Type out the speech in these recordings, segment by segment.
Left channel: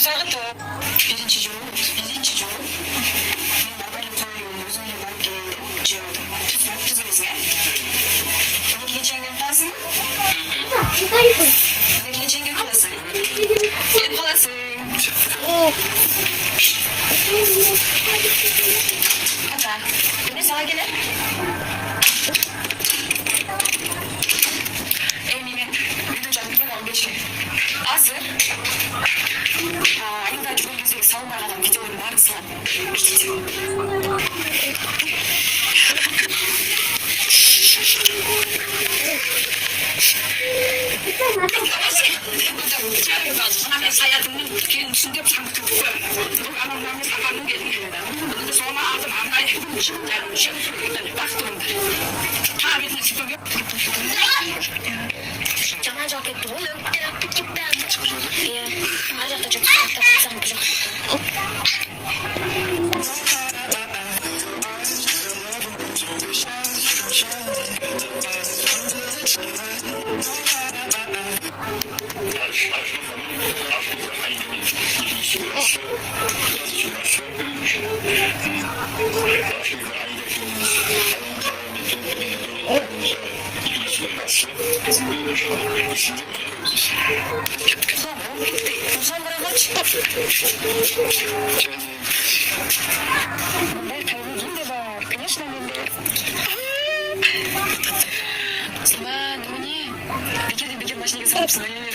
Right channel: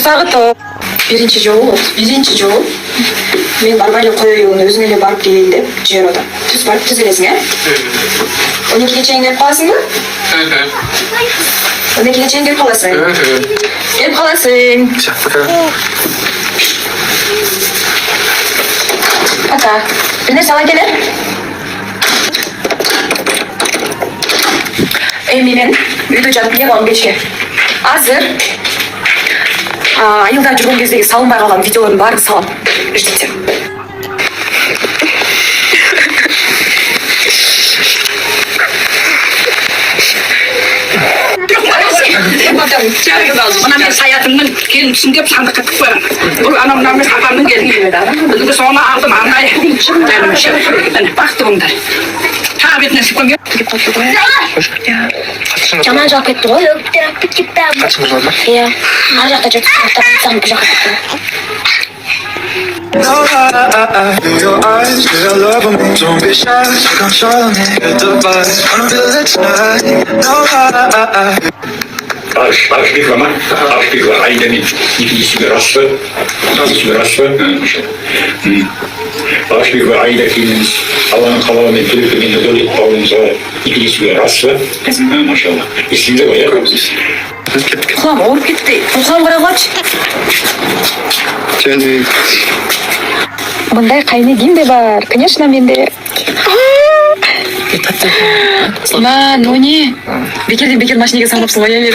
Осагыт биринчи жолу мен барбай эле коюуну өзүң эле барып кел деп жиберип атам. Түз барып түз келесиң, 12-ге чейин келип каласыңбы? 12-ге чейин келип каласың. Келип каласың. Ата, бир нерсе ала келе. Мен үйдө жатып не кылам кечке. Азыр айылда жүргөн кездеги салынбай калган видеолордун баарын салам. Ждите. Ona men hayatımın gelmişim diye sandık atıp koyarım. Bu anamdan bir haberim geldi. Bunu sonra aldım anlayı. Ben baktım da. Tabi nasıl koyuyor? Жаман жаап кетти го. Өктөрүп кетти. Качыңыз бар ма? Иә. Ар жакта жүрүп сам бу жакка кеттим. Feel your eyes, feel love on me. Don't be shy, you control me. Hit the vibes, wanna feel it tonight. No lie. Ашпига айдани икисиге Ашпига айда кинемиз Алланын калабы төлөпөгөндө дөлөт бабыңызга икисиге расбы машалла эсимде бар Кулам ооруп кетти. Кулам карагачы. Мындай кайны кимде бар? Конечно, менде. Ну не. Бекер машинеге салыпсың ғой мен.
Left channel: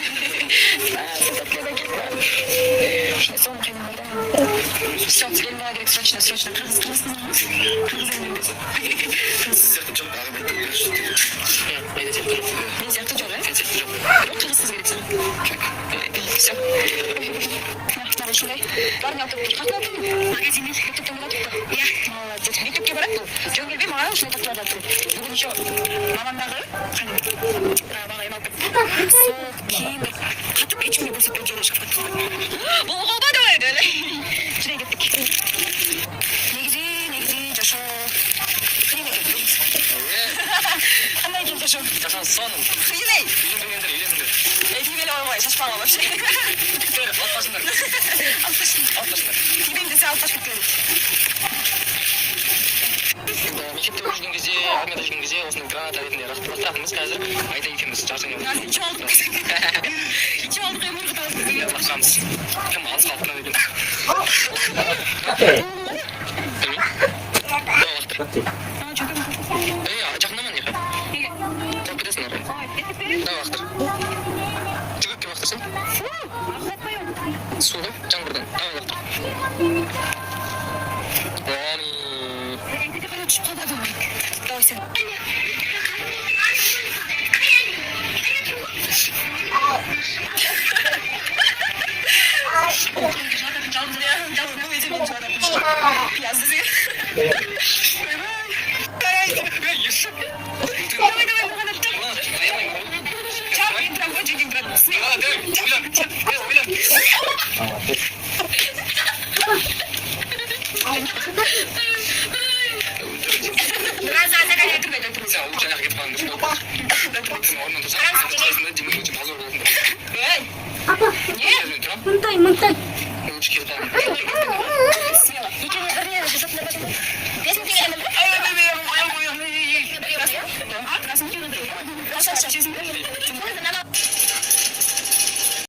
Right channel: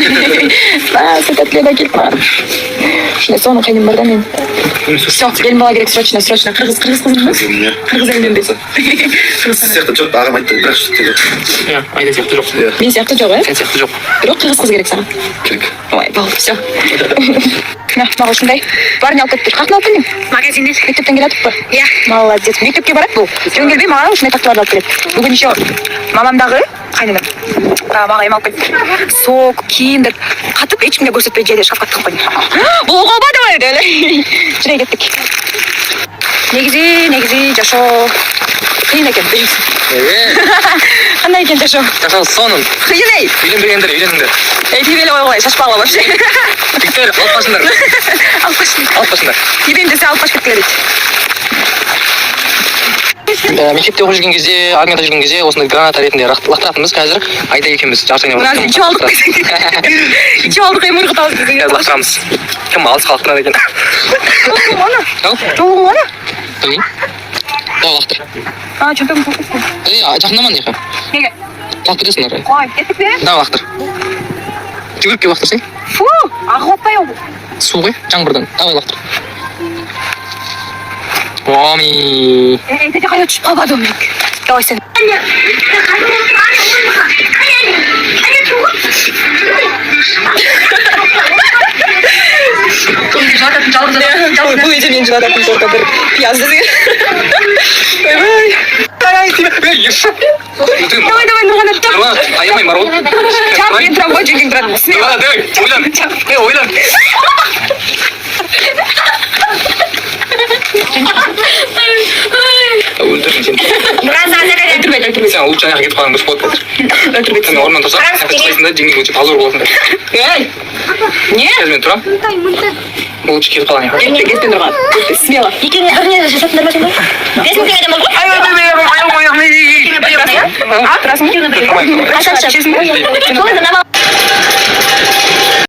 Сетатледа келип бар. Ушундай сонун кайным бар да мен. Всё, келин бала керек срочно. Кыргыз кызмы? Кыргыз элинен бет. Сыяктуу жок, агам айтты, бирок шут жок. Айда сыяктуу жок. Мен сыяктуу жок, Сен сыяктуу жок. Бирок кыргыз кыз керек сага. Керек. Ой, бол, всё. Мага ушундай. Барын алып кетти. Каяктан алып келдиң? Магазинден. Мектептен келатыппы? Иә. Молодец. Мектепке барат бул. Жөн келбей мага ушундай такталарды алып келет. Бүгүн ещё мамамдагы кайнынам. Мага эме алып келди. Сок, кийим деп катып эч кимге көрсөтпөй жейде шкафка тыгып койдум. Бул калбады эле. Жүрөй кеттик. Негизи жашоо кыйын экен, билесиң. Кандай экен жашоо? Жашоо сонун. Кыйын эй. Үйлөнбөгөндөр үйлөнүңдөр. Тип эле койгула, шашпагыла вообще. Биктер алып башыңдар. Алып башыңдар. Тибем десе алып башып кеткиле дейт. Мектепте окуп жүргөн кезде, армияда жүргөн кезде осындай граната ретинде лактыратынбыз. Азыр айда экенбиз жартыгына. Мына ичип алдык. Ичип алдык эми ыргытабыз десең. Лактырамыз. Ким алыс калктырат экен. Толугуң ана? Лактыр. Чөнтөгүм. Жакындаман экен. Неге? Калып кетесиң ары. Ой, кеттикпи? Да, лактыр. Жүгүрүп келип лактырсың. Фу, агып атпай ол. Суу ғой, жаңбырдан. Давай лактыр. Оми. Эти кайда түшүп калбадым мен. Давай сен. Бул эже мен жылататын только бир пияз десең. Ойбай. Давай, нурган аттым. аямай марул. Чап, мен турам ғой, жеңгең турат. Ойлан. Өлтірмей сен. Өлтірмей. Сен лучше аяққа кетіп қалған дұрыс болады қазір. Өлтірмей. Сен орнынан тұрсаң, сен қайтпайсың да, жеңгең өте таза боласың да. Ей! Не? Қазір мен тұрам. Бұл лучше кетіп қалған аяққа. Кетпен тұрған. Смело. Екеуіңе бір не жасатыңдар ма сендер? 5 мың теңгеден болды ғой? Тұрасың ба? Қашанша? Сол енді